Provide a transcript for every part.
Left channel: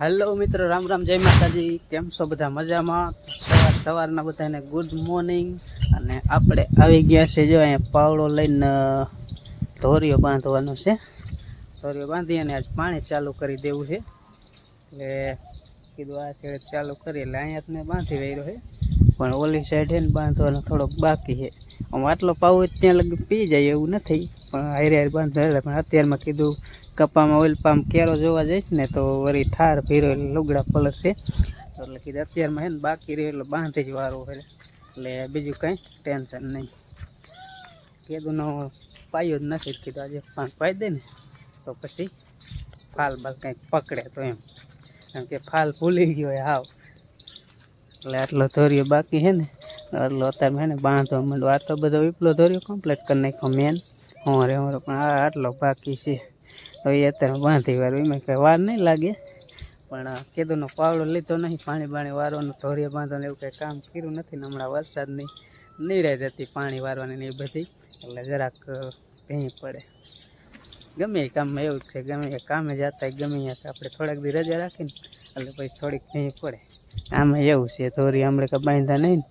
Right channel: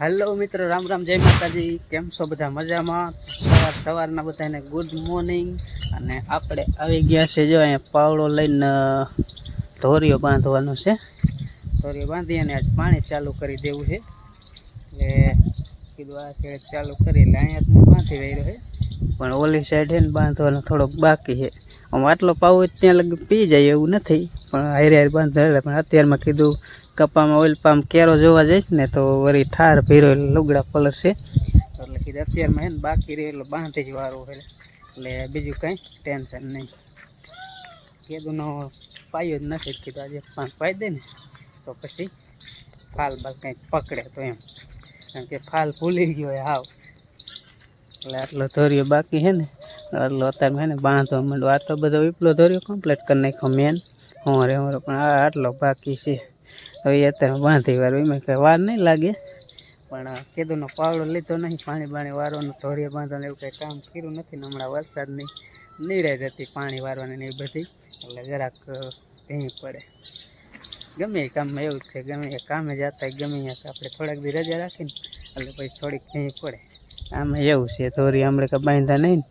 Hello મિત્રો, રામ રામ, જય માતાજી. કેમ છો બધા મજામાં? સવાર સવારના બધાને ગુડ મોર્નિંગ અને આપણે આવી ગયા છે જો અહીંયા પાવડો લઈને ધોરીઓ બાંધવાનો છે. ધોરીઓ બાંધી અને આજ પાણી ચાલુ કરી દેવું છે. એટલે કીધું આ છે ચાલુ કરી એટલે અહીંયા મેં બાંધી રહ્યો છે. પણ ઓલી સાઈડ છે ને બાંધવાનો થોડોક બાકી છે. આમ આટલો પાવો ત્યાં લગી પી જાય એવું નથી. પણ હારે હારે બાંધો એટલે પણ અત્યારમાં કીધું કપામાં ઓઇલ પામ કેરો જોવા જઈશ ને તો વળી ઠાર ભીરો એટલે લુગડા પલર છે. એટલે કીધું અત્યારમાં હે બાકી રહે એટલે બાંધી જ વારો હોય એટલે બીજું કંઈ ટેન્શન નહીં. કેદુનો પાયો જ નથી કીધું. આજે પાંચ પાઈ દે ને તો પછી ફાલ બાલ કંઈક પકડે તો એમ. કારણ કે ફાલ ભૂલી ગયો હોય હાવ. એટલે આટલો ધોર્યો બાકી છે ને, આટલો અત્યારે હે ને બાંધવા માંડો આ તો બધો વિપલો ધોર્યો કમ્પ્લીટ કરી નાખ્યો મેન. હોરે હોરે પણ આ આટલો બાકી છે. હવે અત્યારે બાંધી વાર એમાં કંઈ વાર નહીં લાગે. પણ કીધુંનો પાવડો લીધો નહીં પાણી બાણી વારવાનું, ધોરીએ બાંધવાનું, એવું કંઈ કામ કર્યું નથી હમણાં વરસાદની નિરાય હતી પાણી વારવાની ને એ બધી. એટલે જરાક ભીણી પડે. ગમે એ કામમાં એવું છે, ગમે એ કામે જતા ગમે આપણે થોડાક દી રજા રાખીને, એટલે પછી થોડીક ભીણી પડે. આમાં એવું છે, ધોરી હમણાં કાંઈ બાંધતા નહીં,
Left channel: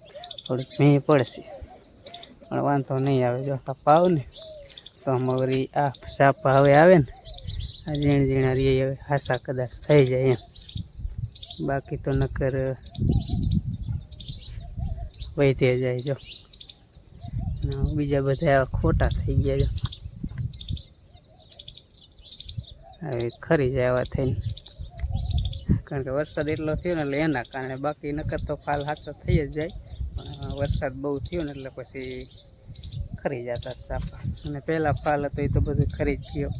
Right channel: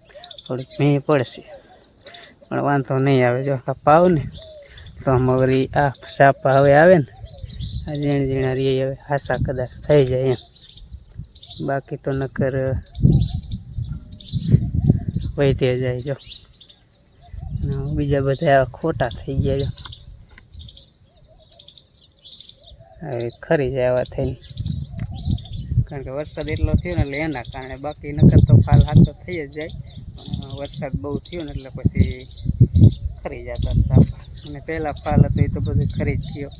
થોડીક ભીણી પડશે. પણ વાંધો નહીં આવે, જો પાવ ને તો વળી આ સાપા હવે આવે ને આ ઝીણ ઝીણા રે હવે હાસા કદાચ થઈ જાય એમ. બાકી તો નકર વહીતે જાય જો. બીજા બધા ખોટા થઈ ગયા જો. હવે ખરી જાય આવા થઈને. કારણ કે વરસાદ એટલો થયો ને એટલે એના કારણે બાકી નકર તો ફાલ હાથો થઈ જ જાય. પણ વરસાદ બહુ થયો ને એટલે પછી ખરી જતા સાપા. અને પહેલાં ફાલ હતો એ તો બધું ખરી જ ગયો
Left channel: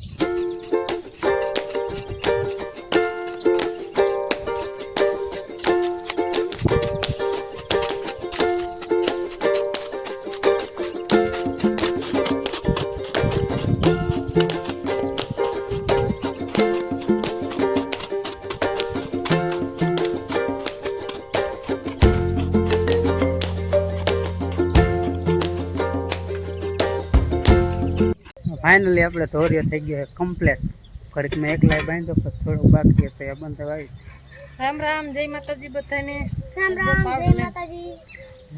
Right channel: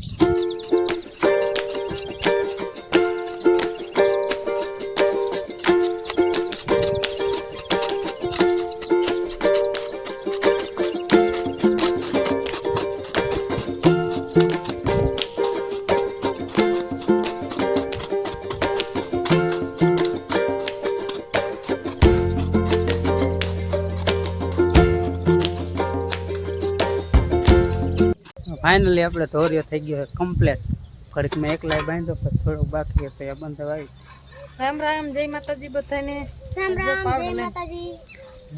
ફાઇનલી આપણે ધોર્યો થઈ ગયો કમ્પ્લેટ ઘડીક મેં એકલા બાંધ્યો પછી થોડોક બાકી હતો એ બંધ આવી રામ રામ જય માતાજી બધાને. રામ રામ જય માતાજી.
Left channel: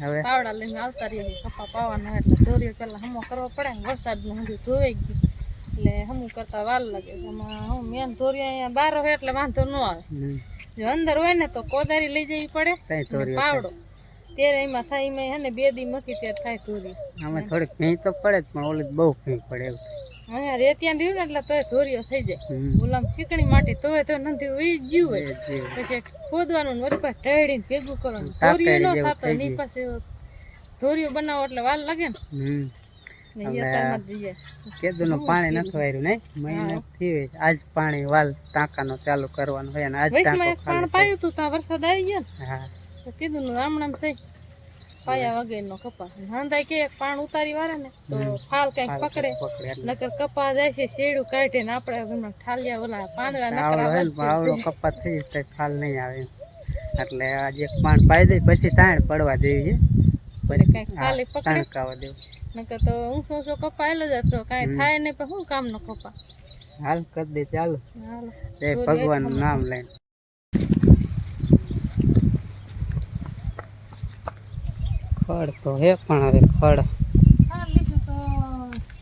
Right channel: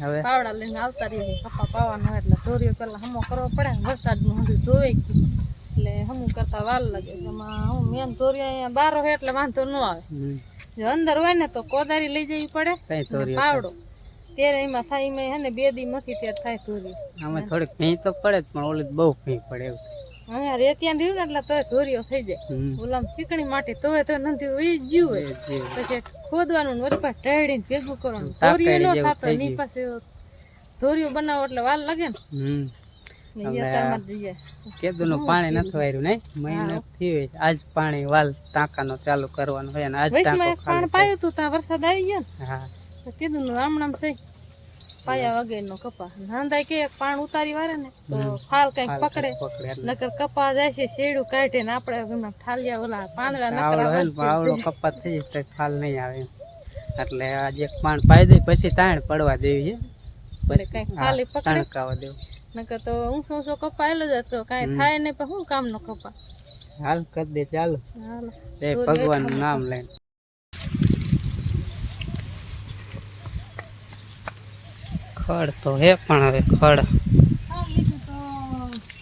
હવે? પાવડા લઈને આવતા રહીએ કપા પાવાનો હોય એટલે દોરીઓ પેલા હમો કરવો પડે ને વરસાદનું હંધું ધોવાઈ ગયું. એટલે હમું કરતા વાર લાગે છે. એમાં હું મેન દોરીઓ અહીંયા બાર હોય એટલે વાંધો ન આવે. હમ, જો અંદર હોય ને તો કોદારી લઈ જવી પડે. કઈ અને ધોર્યો પાવડો. ત્યારે એમાં થાય એમાં હે ને બે દી મૂકી ત્યારે થાય ધોરી આમાં થોડીક ભીં તો પડે જ પણ ઓલી તો બહુ ભીં પડે એવું અહીંયા રેતિયા રહ્યું ને એટલે તોય ધોરીઓ થઈ જાય. ઓલામ શીકણી માટી તોય તો નથી ઉઈ ગયું હોય. પછી ખોદવાનું ને પાછું ટેડીને ભેગું કરવાનું. ધોરીઓ ન થતો ની પાસે ધોરીઓ બનાવો એટલે વાલ લાગે ને. ને. કેદુનું પાણી નથી વાર્યું મહિના આજ પાણી વાલ ટાંકાનો ચાલુ કરવાનો હોય અને આજ ટાંકો એક પાયું તું ત્યાં વરસાદ આવી ગયો હા. ને તો કીધું નું આમણામ છે. પાયા વગરનો કપા નાંદાય કે પાણ ઉતારી વારે ને તો ફાલ કંઈક પકડે. નકર કપા જાય છે શેડું કાઢે ને આપણે ઠાલિયા ઓલા પાંદડા આવડો કપાત થઈ જાય તો ફાલ નહીં આવે એટલે આજે પાણ પાઈ દઈ પછી તાણ પડવા દેવી છે પકડે. તણકાવા દેવું. નકર તો ઊંચો ઊંચો કપા એલો જતો કાંઈ. થાય ને પણ શું કામનો કપા હાલ કરી દે ચાલો. ભગવાનનું નામ લઈને. ખડ તો હે પણ હવે ખડ. હા લીધું તો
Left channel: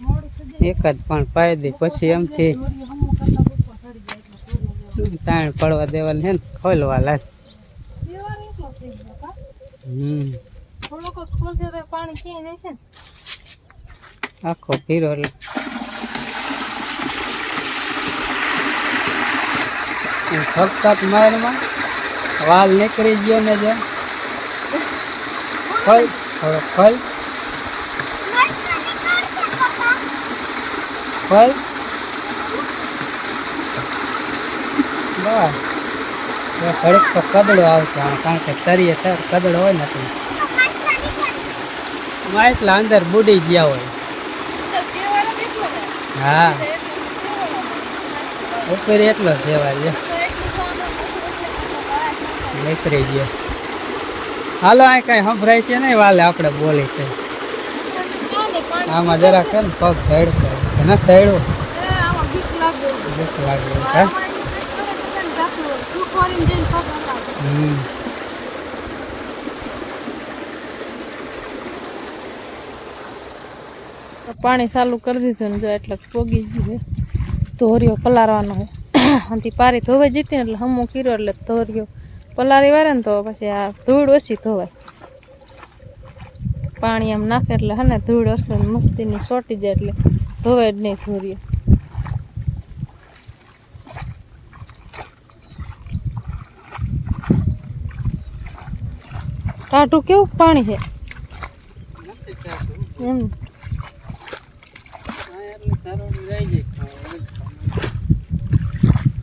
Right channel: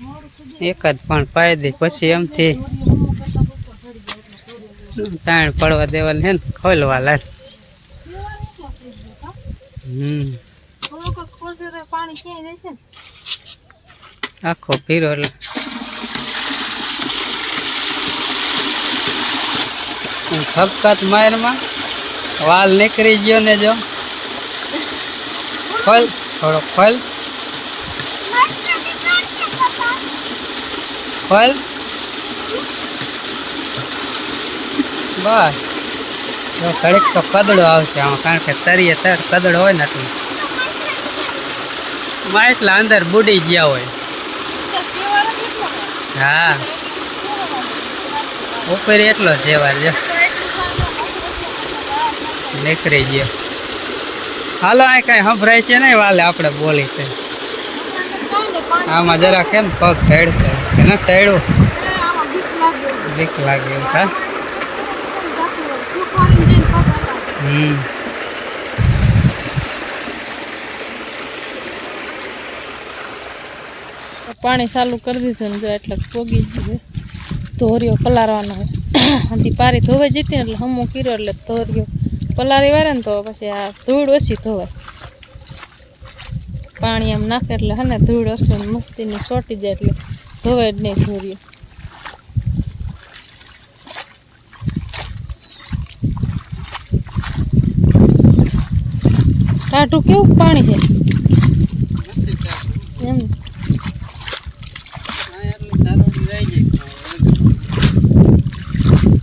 મોડું થઈ જાય એક જ પણ પાઈ દે, પછી એમથી તાણ પડવા દેવાનું છે ને ખોલવા લાગે હમ. આખો પીરો એટલે. ખપખત મારમાં વાલ નીકળી ગયો ને જો. ખોલ, થોડો ખોલ. ખોલ. બસ. ઘડીક તો કદડો આવશે આમાં, કારણ કે તરીએ તર કદડો હોય નથી માં એટલા અંદર બુડી ગયા હોય. છે? હા. ઉપરી એટલો એટલું સારું. નીકળી ગયો. હાલો, આ કઈ સંભળાય છે નહીં, વાલે આપણે બોલી છે. આમાં જરા કેમ પગ ઢેડશે કે ન આમાં બીક લાગે એવું હા? હમ. પાણી ચાલુ કરી દીધું ને જો એટલે પોગી ગયું ધોરિયો પલારવાનો હોય પારી ધોવાઈ જતી ને એટલે હમું કર્યો એટલે ધોરિયો પલારી વાળે ને તો પછી આ ધૂળ ઓછી ધોવાય. પાણી આમ નાખે એટલે હે ને ધૂળ ઓછી મસ્તીની સોટી જાય એટલે ધોવાય જ નહીં ધોરિયો ટાટું કેવું પાણી છે? એમ આ એટલું સારું જાય છે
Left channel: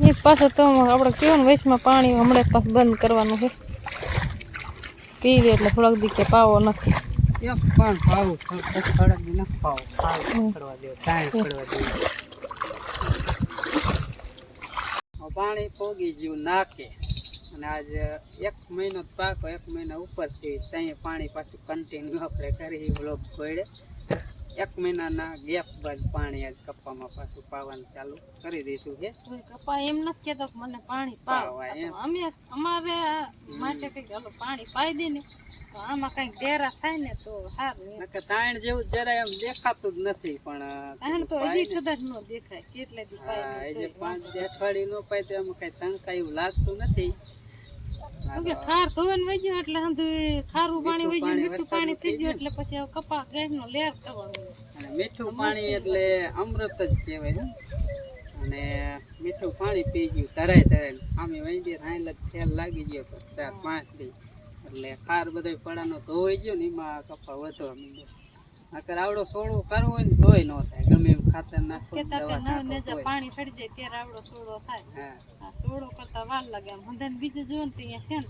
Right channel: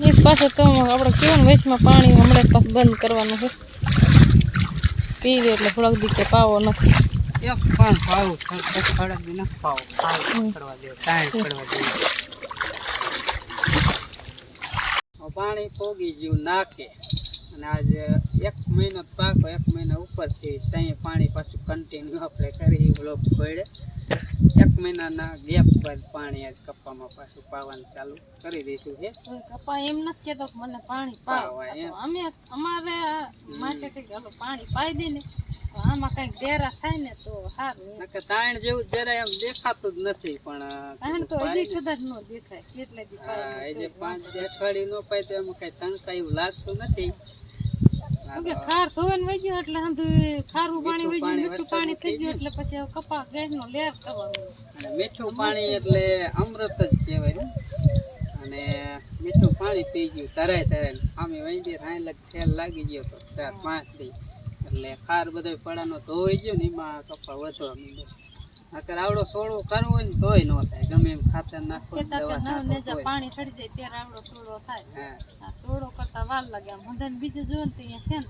એક પાછો તો આપણે કેવું વેચમાં પાણી હમણાં પાછું બંધ કરવાનું છે. પી લે એટલે થોડાક દી કે પાવો નથી. એક પણ પોગી ગયું નાખે. અને આજે એક મહિનો પાકો એક મહિના ઉપરથી ત્યાં પાણી પાછું કન્ટિન્યુ આપણે કરી બ્લોક પડે. એક મહિનાના ગેપ બાદ પાણી આજ કપ્પામાં પાછું પાવાનું ચાલુ કરી દીધું છે. કપ્પા એમ નથી કેતો કે મને પાણી પાવા. અમે અમારે માટે કઈ હાલો પાણી પાઈ દે ને તો આમાં કઈ ડેરા થાય ને તો સારું કે તાણ જેવું જરાય એમ દેખાતું જ નથી પણ તાણ તો હજી કદાચ ન દેખાય કેટલે હા, પાય પાંચ બે અઠવાડિયું નો પાય તો એમાં કઈ તંકા એવું લાગતું નથી. કે ખાર ધોવાને વહી ગયો એટલે હંધું ખારું પાણી વહી ગયું મીઠું પાણી થઈ ગયું એટલે પછી હવે કપા ગેસ નો લેર કરવાનો અને મીઠું પાણી એટલે અમૃત જ કહેવાય અને મીઠું પાણી પી ગયું તરાય તરાય. આમે વૈદ્ય લગ ખેલ લાગી ગયો તો ચાર પાંચ દી એટલે ખાર બધો પડાનો ધોઈ ગયો ને એમાં કપા વધવા માંડ્યો. નકર આવડો સોળો કરવો હોય ને તોય ન થાય. ગમે એમ ખાતર નાખો. પાણી ચડી જાય ત્યારે આવડો સોડો થાય. હા. આ કરતા વાર લાગે. આમ હંધાને બીજું જોયું ને ત્યાં છે ને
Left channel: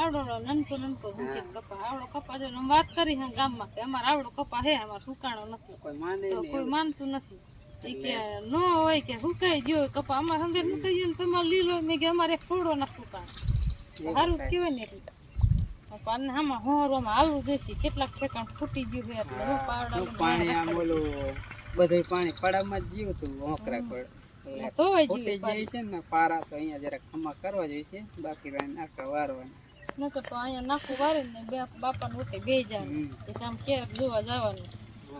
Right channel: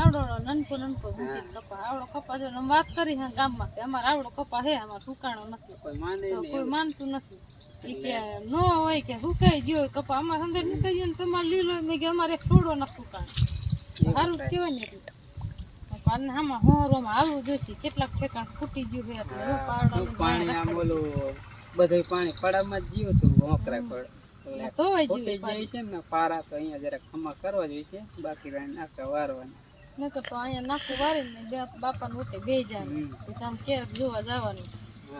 આવડો નનકો નનકો કપા. આવડો કપા જો વાત કરી હે ગામમાં કે અમારે આવડો કપા હે અમારે સુકાણો નથી. કોઈ માને કોઈ માનતું નથી. કે નો હોય કે સુકાઈ ગયો કપા. અમારે અંદર મુકાઈ ગયો ને તમારે લીલો. મેં કે અમારે એક સોડો નથી સુકાણો. સારું જ કહેવાય ને પાન આમાં હોરોમાં આવવું જોઈશે. કેટલાક ઠેકાણ ફૂટી ગયું છે એટલે હું પાવડા પાણી આમ ઓલું બધું પાણી પડામાં જ હતું ફૂટી ગયું જાય છે ને પારા તો અહીંયા જરા ખમા કરવા જોઈએ બાકી રહે નાખા વારવાની. નકર તો અહીંયા નાખું વારીને બે બાપાને ઉઠે બે જાય પછી આમ ક્યારેક જોવા જવાનું.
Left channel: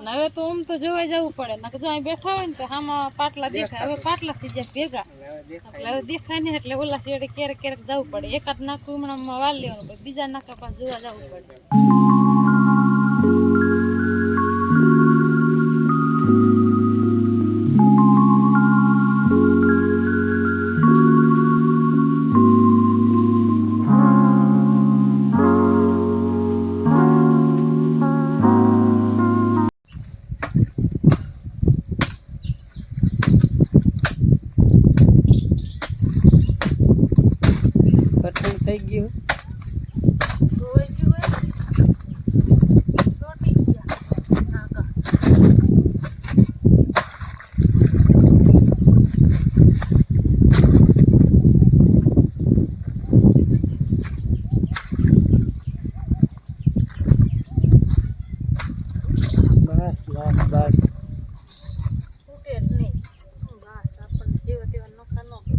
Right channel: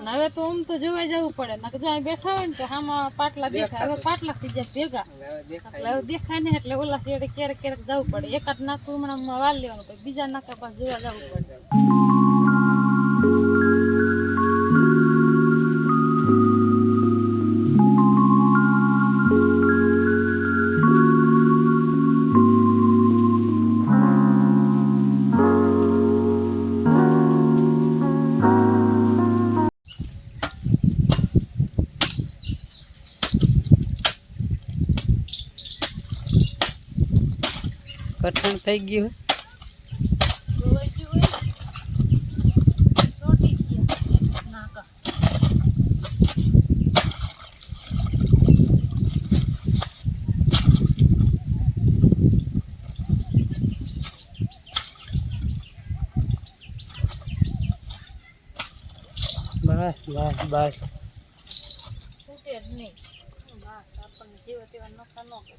હવે તો આમ તો જોવા જવું પડે. નકર જો બેઠા હોય ને તો આમાં પાટલા દેખાય. હવે પાટલા થઈ જાય ભેગા. એટલે હવે દેખાય નહીં એટલે ઓલા શેડે ક્યારેક ક્યારેક જવું પડે. એકાદ નાખું હમણાં વાળ લેવાનું બીજા નાખા પાસે જોવા જવું પડે. થઈ ગયું ધોવાઈ ગયું હોય રોટી ગયા નાકા બસ બસ બસ તૂટે જ નહીં બસ આપણને જેવા તેવા નોખા ન કરે.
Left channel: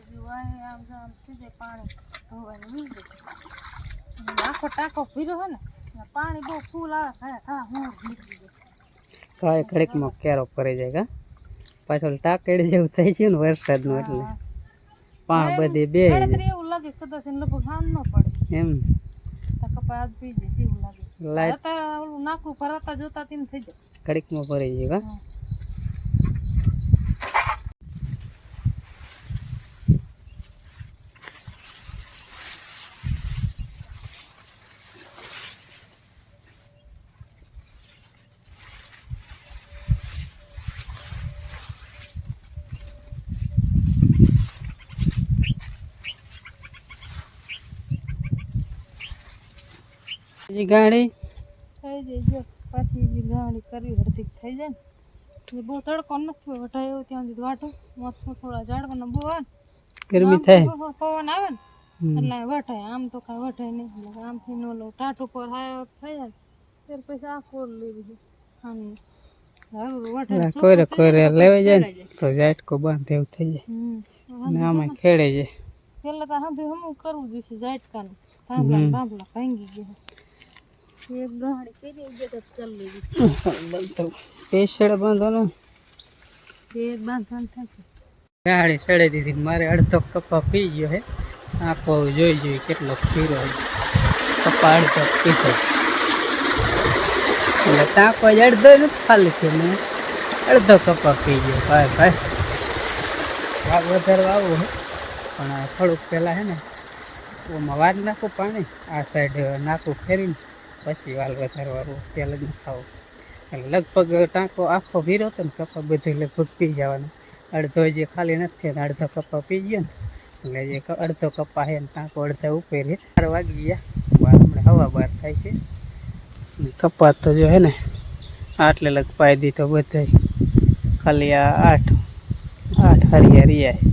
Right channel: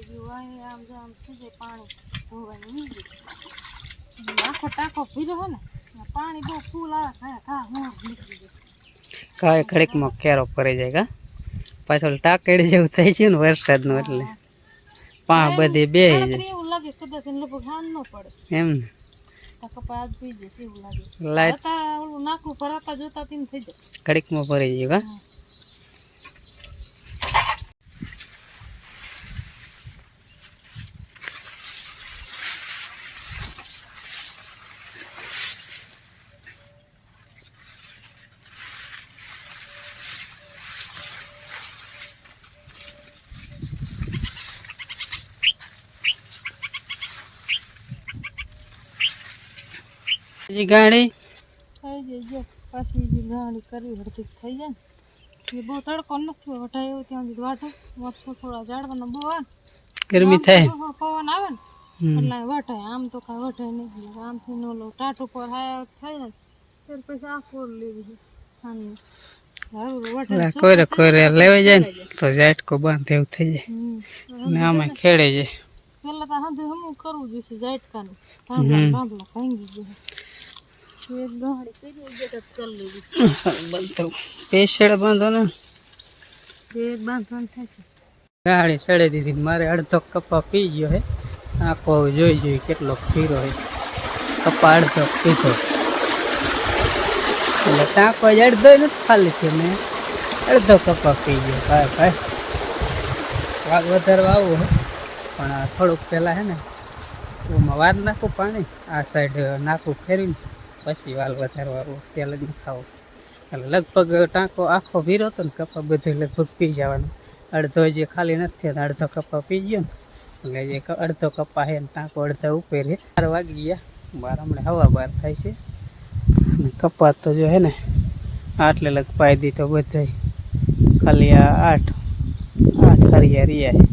ડુબડિયા જેવું હોય આમ જો આમ થઈ જાય પાણી. ધોવાનું આખો ટાંકો ભીરો હોય ને પાણી બહુ ફૂલ આવે ખા હું કાંઈ ઘડીકમાં કેરો પડી જાય કા? પાછળ ટાંકડી જેવું થઈ છે ને વરસાદનું એટલે. પા બધી બે એવું લાગે કદાચ એને લગભગ હાન ન પડે. એમ ને. લાઈટ નાખું ભરાતા જોતા થઈ જાય. ઘડીકમાં પડી જાય કા? હા. ગાડી થઈ જાય જો. પાછી જે ગાડી કરી હરતી થઈ જાય ને. એ બહુ તડકો નથી વટાય એવું ત્યાં સુધી વાટો થોડા ઝાડવાના બહુ આવે ગરમી થાય. પવન આવે ને. એટલે વટાય આમ તો કાંઈ વટાય નહીં. આમથી નો લો ટાટો હાય થઈ જાય. ત્યારે પછી આ ફોર લેવી છે કોરે કોરે લેવાઈ જાય ને તો ઝાટકો બંધ એવું થઈ જાય. ને આમાં ખેડે જાય પેલા તો હાંધું હમું કરવું જોઈશે ઝાટકાનું. હમ. પાંદડા ભાંગી ગયા. એક ગાંડી કરી દે તો કરી લેવી. બંધ બાંધો ને એક બાંધવાનું થશે. ગાડી સડે દીધી મારે અડધો કપા પી ગયો હે. આખો જોઈ જોઈ કેટલો પીરો હોય કપા અડધો પીધો. એટલે ટાંકો જ અડધો નથી ખાલી થયો મેં. અડધો કપા પી ગયો. ભાઈ ભાઈ. વાગ વધારવા આવું હે. પણ આ થોડુંક પહેલાં હે ને ઓમાં વાર નાખું પાણી આ સાઈડ નાખું ફેરવીને. પછી વાલ વધારવાનું તેલ જ ખાવું એટલે લગભગ ટાંકો આખો ભીરો હતો ને, કપા બધું લગભગ પી જવાનો. અડધો જે ખાલી નથી થયો અડધો કપા પી ગયો ને, એટલે જે અડધો કપા છે ને, ટાંકો અડધો ઉપર બાર વાગી ગયા. બાર હમણાં હવા બહાર થાય છે. અને કપા તો જો હે ને, આટલે લગ પાઈ દીધો બધાય ખાલી આ આઠ આઠ હરિયા રહ્યા છે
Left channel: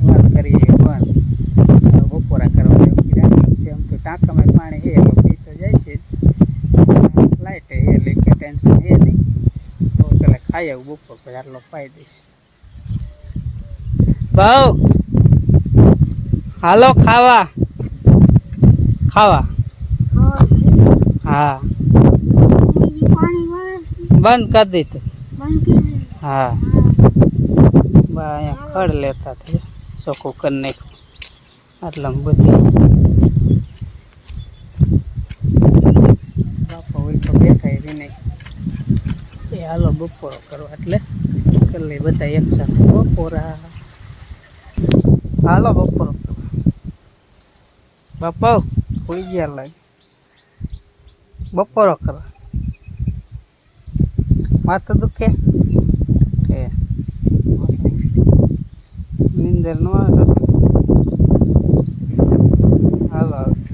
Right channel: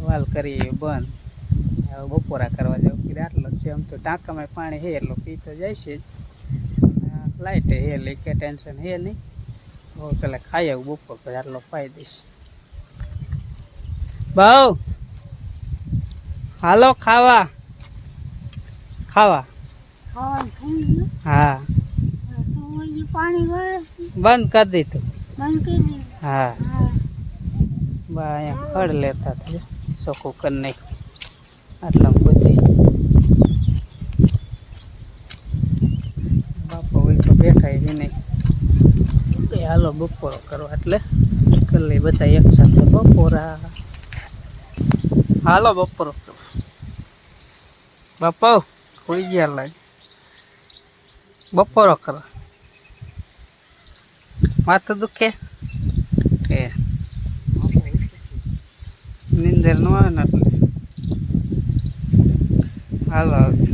વાલ કરીએ બંધ હવે બપોરા કરવા જેવું કીધું આટલો જ છે આમ તો ટાંકામાં પાણી હે એટલે પી તો જાય છે લાઇટ હે એટલે કે ટેન્શન હે નહીં. તો પેલા ખાઈ આવું બપોર પછી આટલો પાઈ દઈશ. ભાવ હાલો ખાવા. ખાવા. હા. બંધ કરી દીધું. હા. બા અહીંયા ખડ લેતા થયા ચોખ્ખું કરી નાખ્યું. આટલા બધું. ચાલો બપોરો કરવા એટલે નીકળી બધા એક સાથે બપોરા. હાલો બપોરો. બાપો કોઈ ગયા લાગે બપોરો કરો. માથું દુખે? એ નીંદર ન આવે ને હાલો.